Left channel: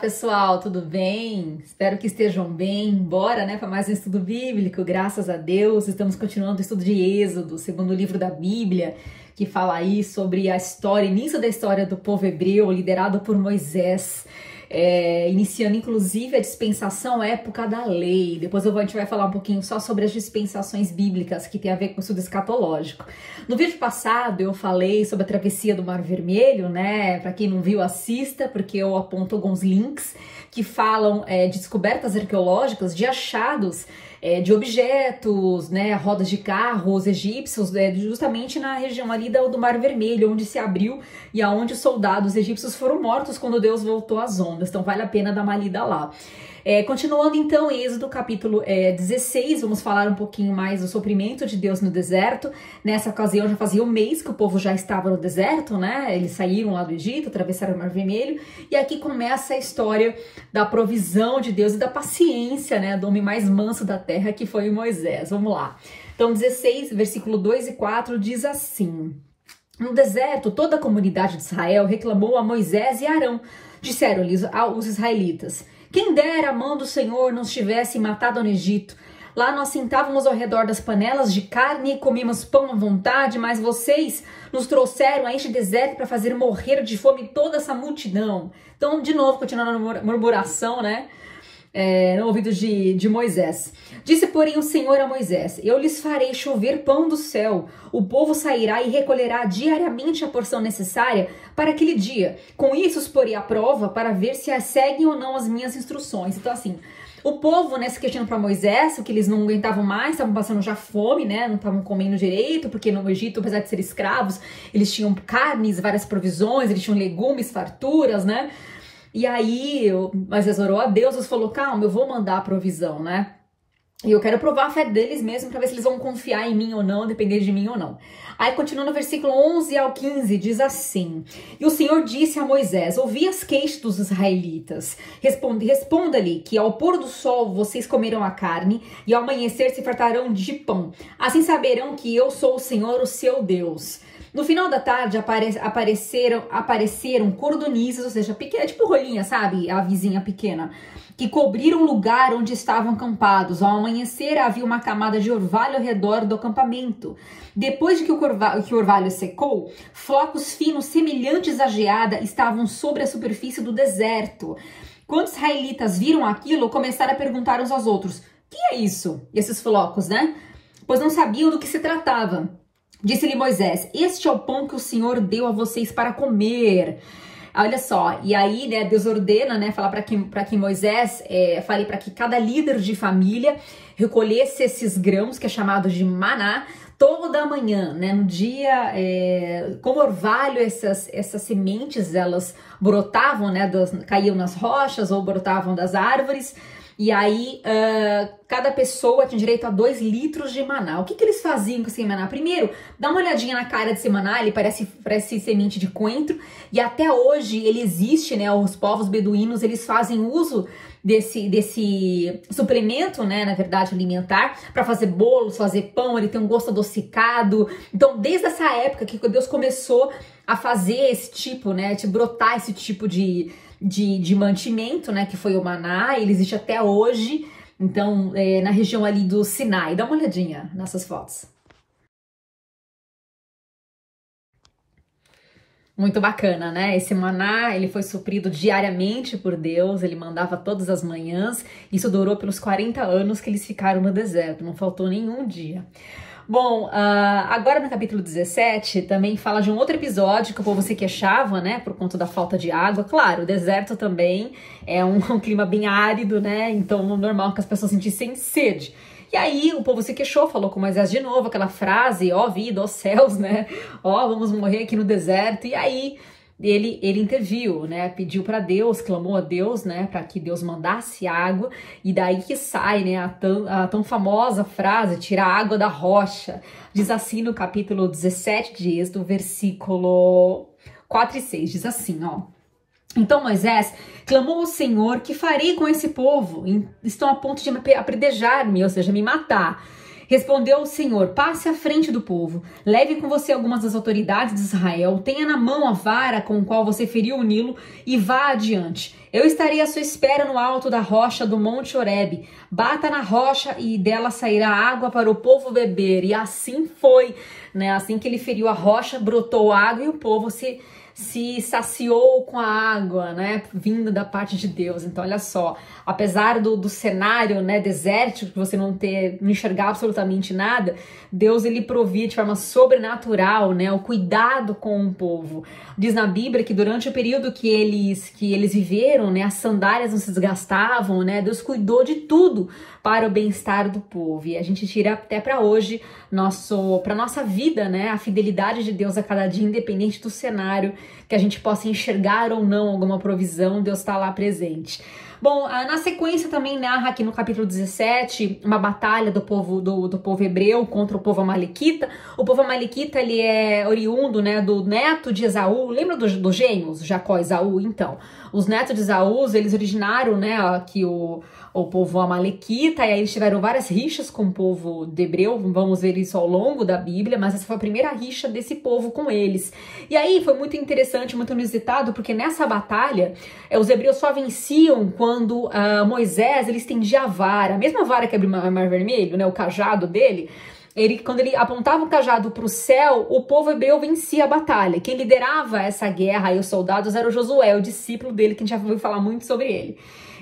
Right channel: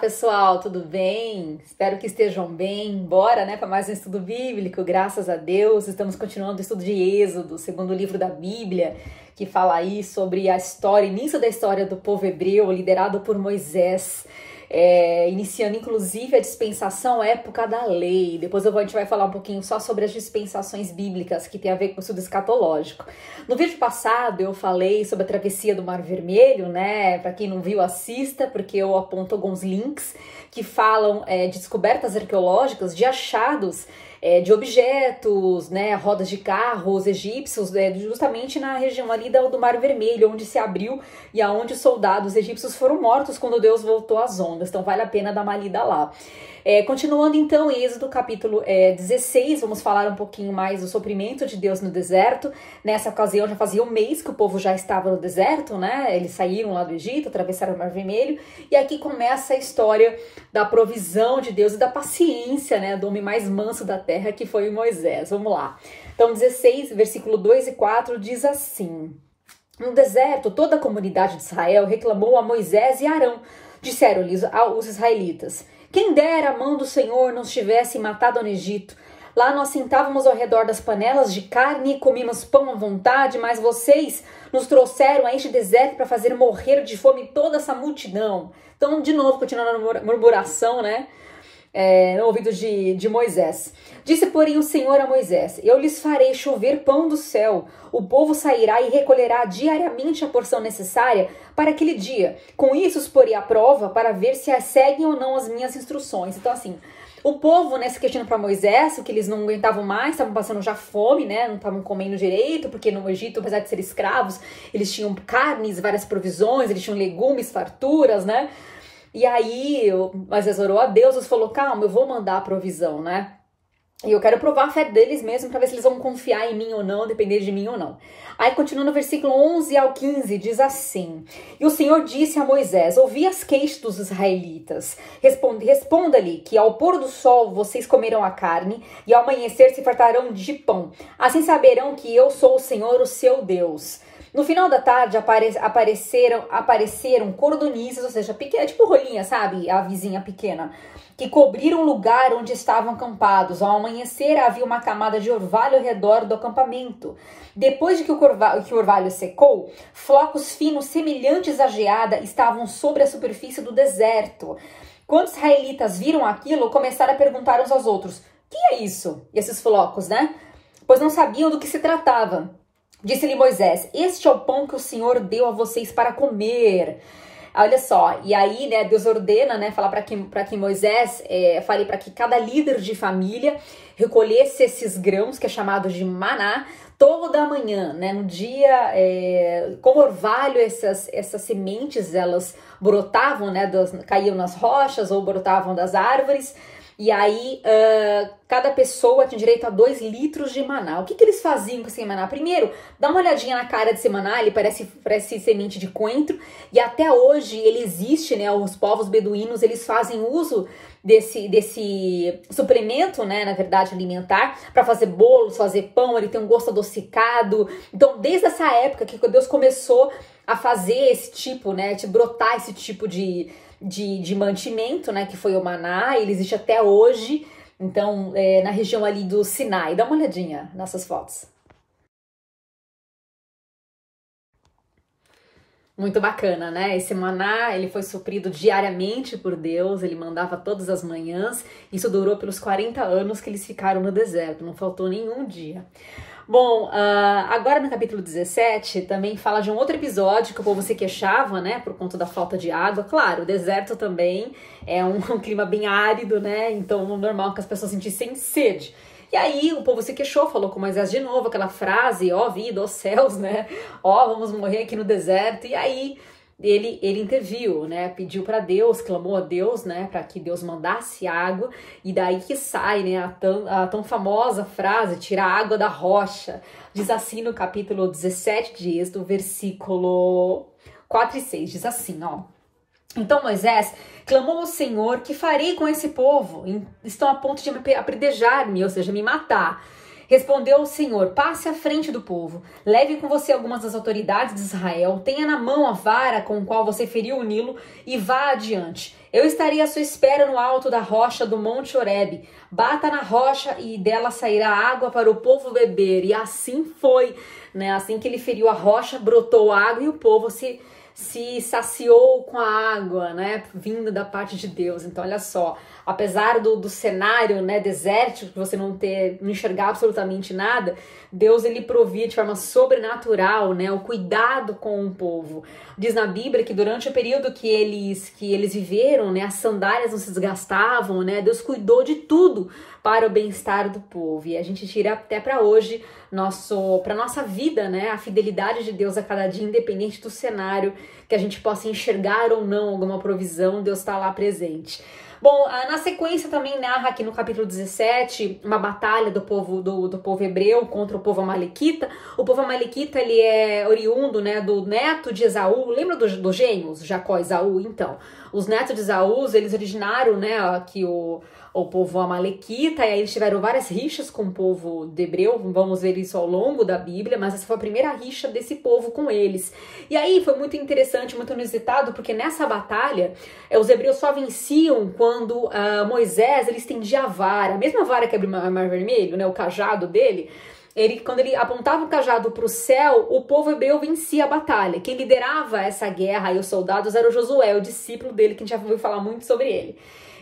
pessoal, tudo bem? Espero que estejam bem. Bora, para mais um estudo bíblico, graças a Deus. Estamos continuando o estudo de Êxodo, segundo livro da Bíblia, que fala aí sobre a história, início da história do povo hebreu, liderado por Moisés, iniciando inclusive a dispensação época da lei. Depois a gente vai falar um pouquinho só sobre as dispensações bíblicas, que tem a ver com o estudo escatológico. No vídeo passado eu falei sobre a travessia do Mar Vermelho, Para quem não viu, assista, porque eu aponto alguns links que falam de descobertas arqueológicas, de achados de objetos, rodas de carros egípcios, justamente na região ali do Mar Vermelho, onde se abriu e aonde os soldados egípcios foram mortos quando Deus voltou às ondas. Então vale a pena dar uma lida lá. Continuando então, Êxodo capítulo 16, vamos falar um pouquinho mais do sofrimento de Deus no deserto. Nessa ocasião já fazia um mês que o povo já estava no deserto, Eles saíram lá do Egito, atravessaram o Mar Vermelho, e aqui começa a história da provisão de Deus e da paciência, do homem mais manso da terra, que foi Moisés. Vamos lá. Então 16, versículo 2 e 4 diz assim: No deserto, toda a comunidade de Israel reclamou a Moisés e Arão. Disseram-lhes os israelitas: quem dera a mão do Senhor nos tivesse matado no Egito. Lá nós sentávamos ao redor das panelas de carne e comíamos pão à vontade, mas vocês nos trouxeram a este deserto para fazer morrer de fome toda essa multidão. Então, de novo, continuando a murmuração, no ouvido de Moisés. Disse, porém, o Senhor a Moisés: eu lhes farei chover pão do céu. O povo sairá e recolherá diariamente a porção necessária para aquele dia. Com isso os porei à prova para ver se seguem ou não as minhas instruções. Então, assim, o povo, se questionando para Moisés, o que eles não aguentavam mais, estavam passando já fome, não estavam comendo direito, porque no Egito, apesar de ser escravos, eles tinham carnes, várias provisões, eles tinham legumes, farturas, E aí, Moisés orou a Deus, Deus falou: calma, eu vou mandar a provisão, E eu quero provar a fé deles mesmo, para ver se eles vão confiar em mim ou não, depender de mim ou não. Aí, continuando no versículo 11 ao 15, diz assim: E o Senhor disse a Moisés: ouvi as queixas dos israelitas. Responda-lhe que ao pôr do sol vocês comerão a carne, e ao amanhecer se fartarão de pão. Assim saberão que eu sou o Senhor, o seu Deus. No final da tarde apareceram cordonizes, ou seja, pequena, tipo rolinha, sabe? A vizinha pequena, que cobriram o lugar onde estavam acampados. Ao amanhecer havia uma camada de orvalho ao redor do acampamento. Depois de que o orvalho secou, flocos finos semelhantes à geada estavam sobre a superfície do deserto. Quando os israelitas viram aquilo, começaram a perguntar uns aos outros: que é isso? E esses flocos, Pois não sabiam do que se tratava. Disse-lhe Moisés: este é o pão que o Senhor deu a vocês para comer. Olha só, e aí, Deus ordena, falar para que Moisés fale para que cada líder de família recolhesse esses grãos, que é chamado de maná, toda manhã, no dia, como orvalho, essas sementes, elas brotavam, caíam nas rochas ou brotavam das árvores. E aí, cada pessoa tinha direito a 2 litros de maná. O que eles faziam com esse maná? Primeiro, dá uma olhadinha na cara desse maná, ele parece semente de coentro. E até hoje ele existe, Os povos beduínos, eles fazem uso desse suplemento, na verdade, alimentar, para fazer bolos, fazer pão. Ele tem um gosto adocicado. Então, desde essa época que Deus começou a fazer esse tipo, de brotar esse tipo de mantimento, que foi o maná, ele existe até hoje, então, na região ali do Sinai. Dá uma olhadinha nessas fotos. Muito bacana, Esse maná, ele foi suprido diariamente por Deus, ele mandava todas as manhãs, isso durou pelos 40 anos que eles ficaram no deserto, não faltou nenhum dia. Bom, agora no capítulo 17 também fala de um outro episódio que o povo se queixava, por conta da falta de água. Claro, o deserto também é um clima bem árido, Então, normal que as pessoas sentissem sede. E aí o povo se queixou, falou com Moisés de novo aquela frase: ó vida, ó céus, vamos morrer aqui no deserto. E aí ele interviu, pediu para Deus, clamou a Deus, para que Deus mandasse água, e daí que sai, a tão famosa frase: tira a água da rocha. Diz assim no capítulo 17 de Êxodo, versículo 4 e 6, diz assim, Então Moisés clamou ao Senhor: que farei com esse povo? Estão a ponto de apredejar-me, ou seja, me matar. Respondeu o Senhor: passe à frente do povo, leve com você algumas das autoridades de Israel, tenha na mão a vara com a qual você feriu o Nilo e vá adiante. Eu estarei à sua espera no alto da rocha do Monte Horebe. Bata na rocha e dela sairá água para o povo beber. E assim foi, né? Assim que ele feriu a rocha, brotou água e o povo se saciou com a água, né, vindo da parte de Deus. Então, olha só, apesar do cenário, né, desértico, que você não enxergar absolutamente nada, Deus, ele provia de forma sobrenatural, né, o cuidado com o povo. Diz na Bíblia que durante o período que eles viveram, né, as sandálias não se desgastavam, né, Deus cuidou de tudo para o bem-estar do povo. E a gente tira até para hoje, para nossa vida, né, a fidelidade de Deus a cada dia, independente do cenário, que a gente possa enxergar ou não alguma provisão, Deus está lá presente. Bom, na sequência também narra aqui no capítulo 17 uma batalha do povo hebreu contra o povo amalequita. O povo amalequita, ele é oriundo, né, do neto de Esaú. Lembra dos gêmeos, Jacó e Esaú? Então, os netos de Esaú, eles originaram, né, aqui o povo amalequita, e aí eles tiveram várias rixas com o povo de hebreu, vamos ver isso ao longo da Bíblia, mas essa foi a primeira rixa desse povo com eles. E aí foi muito interessante, muito inusitado, porque nessa batalha, os hebreus só venciam quando Moisés, ele estendia a vara, a mesma vara que abriu o Mar Vermelho, né, o cajado dele. Quando ele apontava o cajado para o céu, o povo hebreu vencia a batalha. Quem liderava essa guerra e os soldados era o Josué, o discípulo dele, que a gente já ouviu falar muito sobre ele.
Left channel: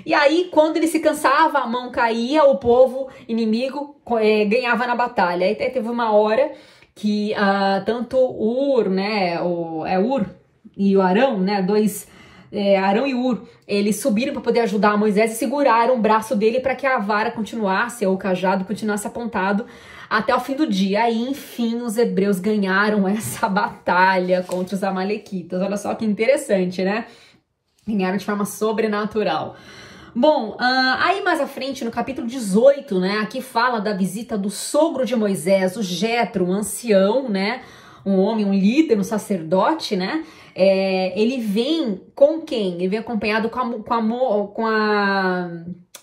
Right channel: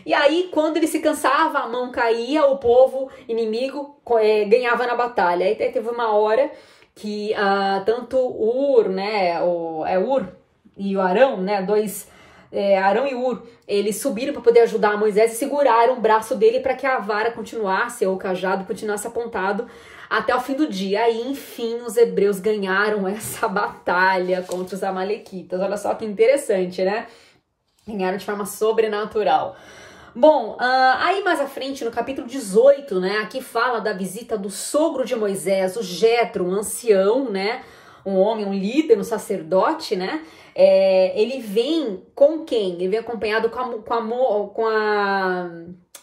E aí, quando ele se cansava, a mão caía, o povo inimigo ganhava na batalha. Aí teve uma hora que tanto Ur, né, Ur e o Arão, né, Arão e Ur, eles subiram para poder ajudar Moisés e seguraram o braço dele para que a vara continuasse, ou o cajado continuasse apontado até o fim do dia. Aí, enfim, os hebreus ganharam essa batalha contra os amalequitas. Olha só que interessante, né? Ganharam de forma sobrenatural. Bom, aí mais à frente, no capítulo 18, né, aqui fala da visita do sogro de Moisés, o Jetro, um ancião, né, um homem, um líder, um sacerdote, né, ele vem com quem? Ele vem acompanhado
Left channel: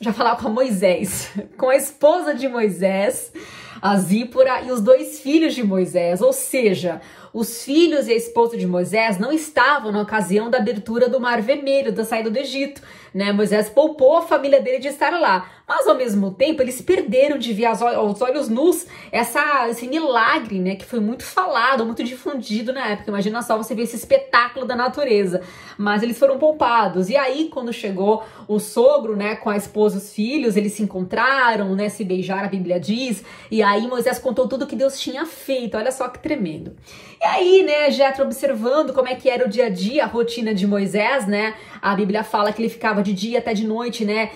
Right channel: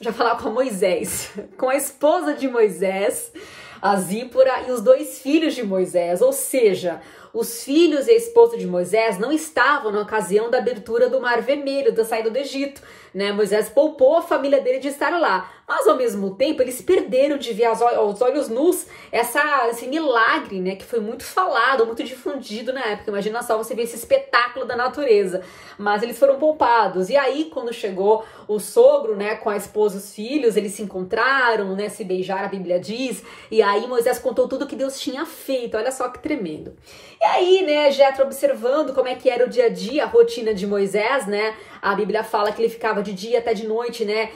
já falar com a Moisés, com a esposa de Moisés, a Zípora, e os 2 filhos de Moisés, ou seja, os filhos e a esposa de Moisés não estavam na ocasião da abertura do Mar Vermelho, da saída do Egito, né? Moisés poupou a família dele de estar lá, mas ao mesmo tempo eles perderam de ver aos olhos nus esse milagre, né? Que foi muito falado, muito difundido na época. Imagina só você ver esse espetáculo da natureza, mas eles foram poupados. E aí, quando chegou o sogro, né, com a esposa e os filhos, eles se encontraram, né, se beijaram, a Bíblia diz, e aí Moisés contou tudo que Deus tinha feito. Olha só que tremendo. E aí, né, Jetro observando como é que era o dia a dia, a rotina de Moisés, né, a Bíblia fala que ele ficava de dia até de noite, né,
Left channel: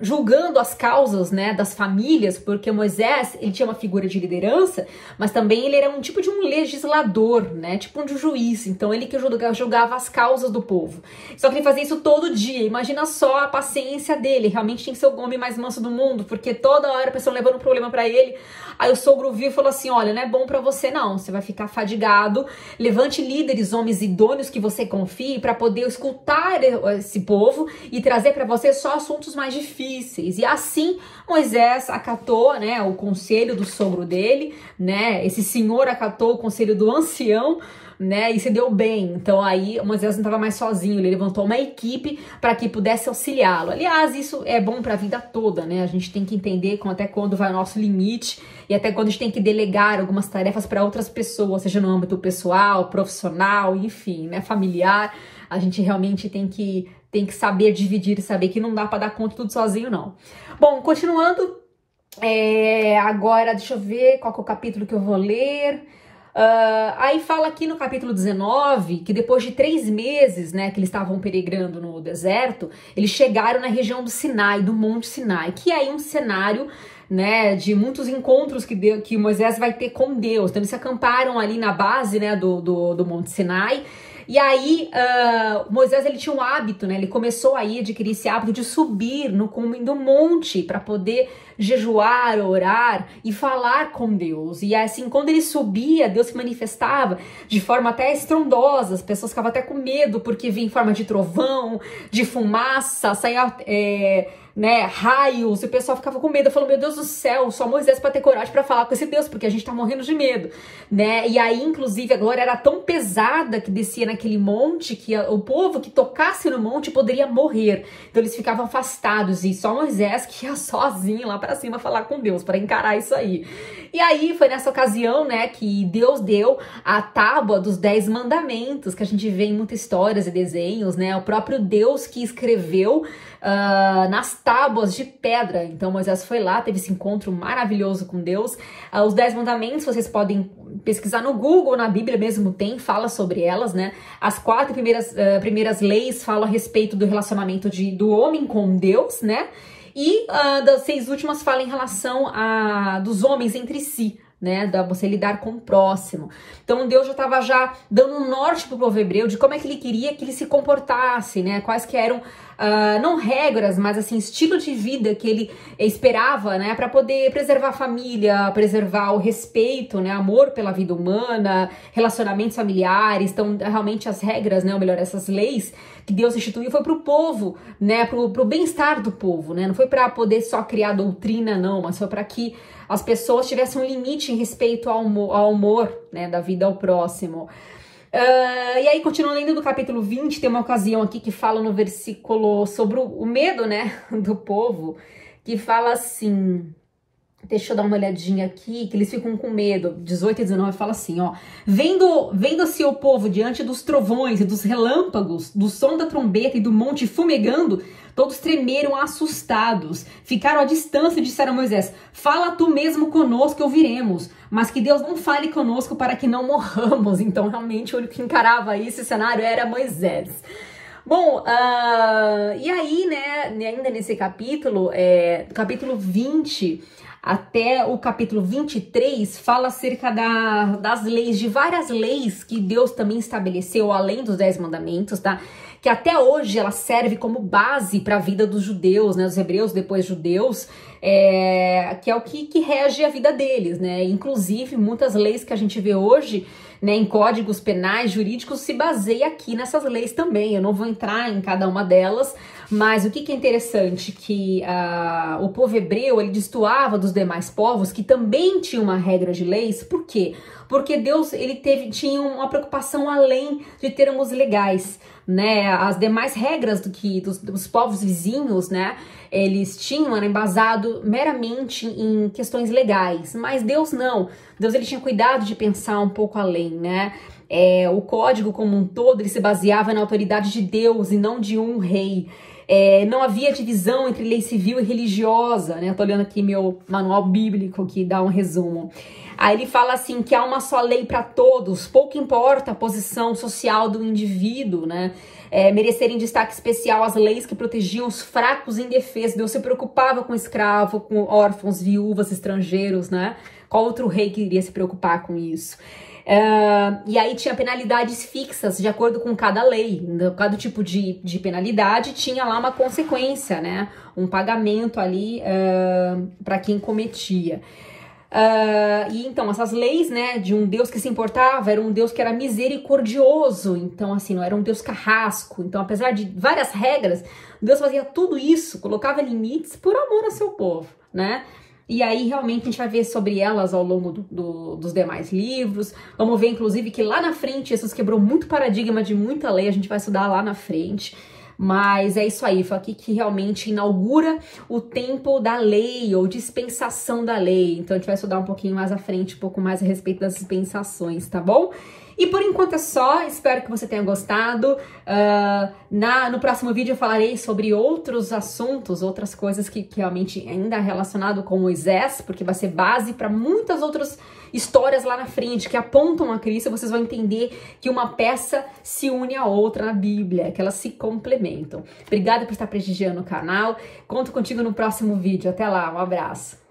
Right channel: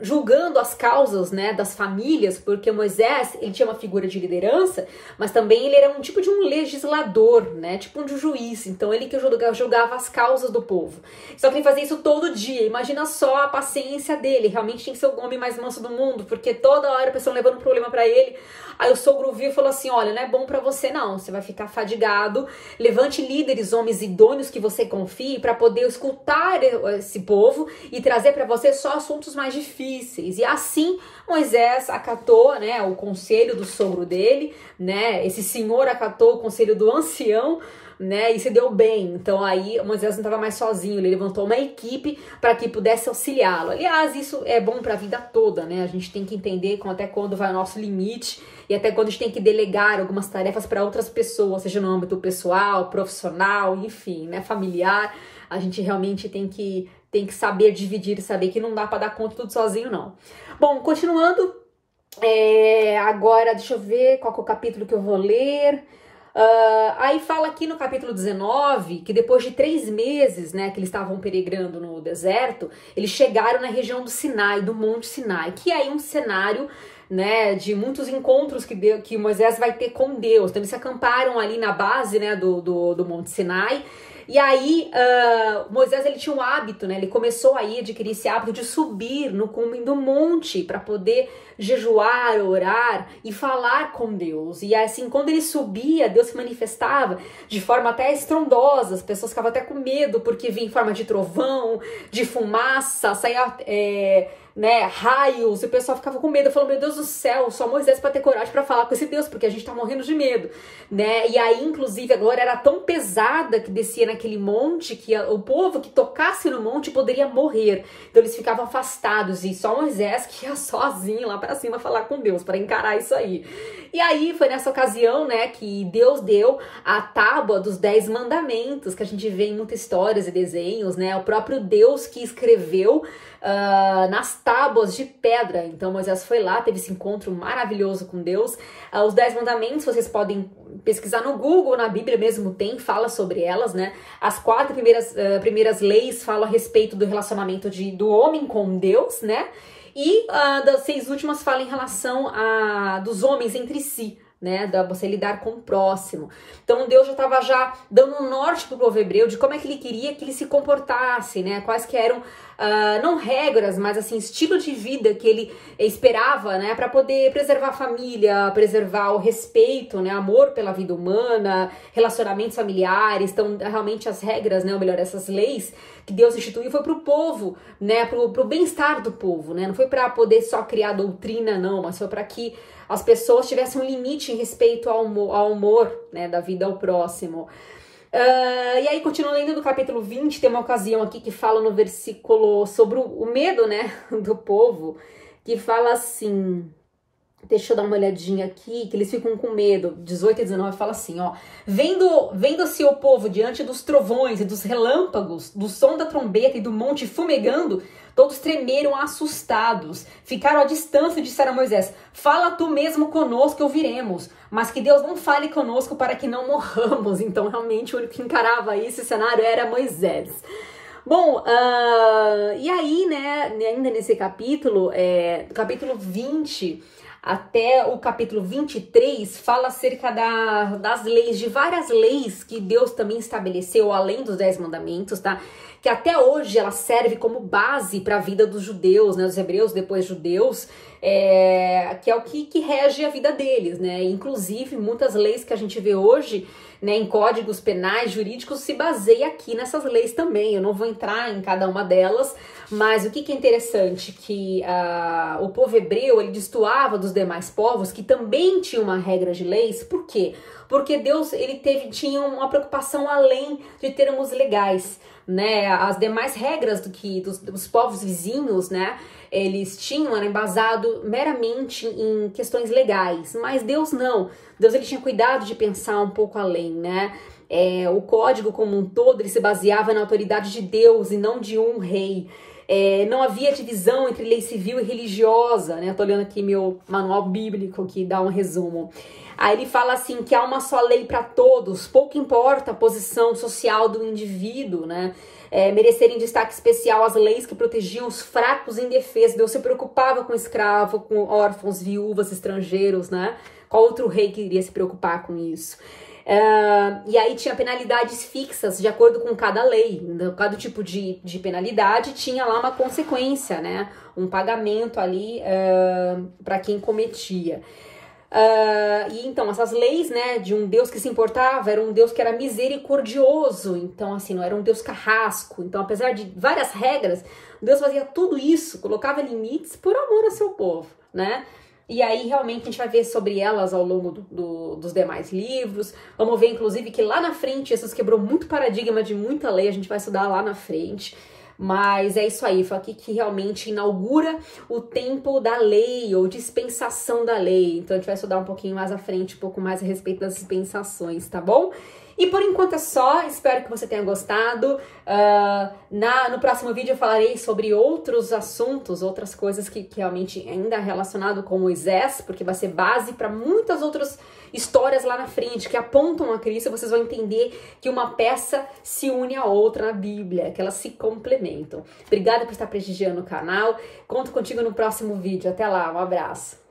julgando as causas, né, das famílias, porque Moisés, ele tinha uma figura de liderança, mas também ele era um tipo de um legislador, né, tipo de um juiz. Então ele que julgava as causas do povo. Só que ele fazia isso todo dia. Imagina só a paciência dele. Realmente tinha que ser o homem mais manso do mundo, porque toda hora a pessoa levando um problema pra ele. Aí o sogro viu e falou assim: olha, não é bom pra você não, você vai ficar fadigado. Levante líderes, homens idôneos que você confie, para poder escutar esse povo e trazer para você só assuntos mais difíceis. E assim Moisés acatou, né, o conselho do sogro dele, né? Esse senhor acatou o conselho do ancião, né, e se deu bem. Então aí Moisés não estava mais sozinho, ele levantou uma equipe para que pudesse auxiliá-lo. Aliás, isso é bom para a vida toda, né? A gente tem que entender até quando vai o nosso limite e até quando a gente tem que delegar algumas tarefas para outras pessoas, seja no âmbito pessoal, profissional, enfim, né, familiar. A gente realmente tem que saber dividir e saber que não dá para dar conta tudo sozinho, não. Bom, continuando, agora deixa eu ver qual que é o capítulo que eu vou ler. Aí fala aqui no capítulo 19 que depois de 3 meses, né, que eles estavam peregrando no deserto, eles chegaram na região do Sinai, do Monte Sinai, que é aí um cenário, né, de muitos encontros que Moisés vai ter com Deus. Então eles se acamparam ali na base, né, do Monte Sinai. E aí, Moisés, ele tinha um hábito, né? Ele começou aí a adquirir esse hábito de subir no cume do monte para poder jejuar, orar e falar com Deus. E assim, quando ele subia, Deus se manifestava de forma até estrondosa. As pessoas ficavam até com medo porque vinha em forma de trovão, de fumaça, saía né, raios, e o pessoal ficava com medo, falou, meu Deus do céu, só Moisés para ter coragem para falar com esse Deus, porque a gente tá morrendo de medo, né, e aí, inclusive, a glória era tão pesada que descia naquele monte, que o povo que tocasse no monte poderia morrer, então eles ficavam afastados, e só Moisés que ia sozinho lá para cima falar com Deus, para encarar isso aí. E aí, foi nessa ocasião, né, que Deus deu a tábua dos 10 mandamentos, que a gente vê em muitas histórias e desenhos, né, o próprio Deus que escreveu nas tábuas de pedra. Então Moisés foi lá, teve esse encontro maravilhoso com Deus. Os 10 mandamentos, vocês podem pesquisar no Google, na Bíblia mesmo tem, fala sobre elas, né? As 4 primeiras leis falam a respeito do relacionamento do homem com Deus, né? E das 6 últimas falam em relação dos homens entre si, né, da você lidar com o próximo. Então Deus já estava dando um norte para o povo hebreu de como é que ele queria que ele se comportasse, né, quais que eram, não regras, mas assim, estilo de vida que ele esperava, né, para poder preservar a família, preservar o respeito, né, amor pela vida humana, relacionamentos familiares. Então realmente as regras, né, ou melhor, essas leis que Deus instituiu foi para o povo, né, pro bem-estar do povo, né, não foi para poder só criar doutrina, não, mas foi para que as pessoas tivessem um limite em respeito ao amor, né, da vida ao próximo. E aí, continuando lendo do capítulo 20, tem uma ocasião aqui que fala no versículo sobre o medo, né, do povo, que fala assim... Deixa eu dar uma olhadinha aqui, que eles ficam com medo. 18 e 19 fala assim, ó. Vendo-se o povo diante dos trovões e dos relâmpagos, do som da trombeta e do monte fumegando, todos tremeram assustados. Ficaram à distância e disseram a Moisés, fala tu mesmo conosco que ouviremos, mas que Deus não fale conosco para que não morramos. Então, realmente, o único que encarava esse cenário era Moisés. Bom, e aí, né, ainda nesse capítulo, capítulo 20... até o capítulo 23 fala acerca das leis, de várias leis que Deus também estabeleceu, além dos 10 mandamentos, tá? Que até hoje ela serve como base para a vida dos judeus, né? Os hebreus, depois judeus, que é o que rege a vida deles, né? Inclusive, muitas leis que a gente vê hoje, né, em códigos penais, jurídicos, se baseia aqui nessas leis também. Eu não vou entrar em cada uma delas, mas o que é interessante, que o povo hebreu, ele destoava dos demais povos, que também tinham uma regra de leis. Por quê? Porque Deus, ele tinha uma preocupação além de termos legais, né? As demais regras dos povos vizinhos, né, eles tinham, era embasado meramente em questões legais, mas Deus não. Deus, ele tinha cuidado de pensar um pouco além, né? O código como um todo, ele se baseava na autoridade de Deus e não de um rei. Não havia divisão entre lei civil e religiosa, né? Eu tô olhando aqui meu manual bíblico que dá um resumo. Aí ele fala assim que há uma só lei para todos, pouco importa a posição social do indivíduo, né? Merecerem destaque especial as leis que protegiam os fracos e indefesos. Deus se preocupava com escravo, com órfãos, viúvas, estrangeiros, né? Qual outro rei que iria se preocupar com isso? E aí tinha penalidades fixas de acordo com cada lei. Cada tipo de penalidade tinha lá uma consequência, né? Um pagamento ali para quem cometia. E então essas leis, né, de um Deus que se importava, era um Deus que era misericordioso, então assim, não era um Deus carrasco. Então, apesar de várias regras, Deus fazia tudo isso, colocava limites por amor ao seu povo, né? E aí, realmente, a gente vai ver sobre elas ao longo dos demais livros. Vamos ver, inclusive, que lá na frente, Jesus quebrou muito paradigma de muita lei, a gente vai estudar lá na frente. Mas é isso aí, foi aqui que realmente inaugura o tempo da lei, ou dispensação da lei. Então, a gente vai estudar um pouquinho mais à frente, um pouco mais a respeito das dispensações, tá bom? E por enquanto é só, espero que você tenha gostado. No próximo vídeo eu falarei sobre outros assuntos, outras coisas que realmente ainda é relacionado com Moisés, porque vai ser base para muitas outras histórias lá na frente que apontam a Cristo. Vocês vão entender que uma peça se une à outra na Bíblia, que elas se complementam. Obrigada por estar prestigiando o canal. Conto contigo no próximo vídeo. Até lá, um abraço.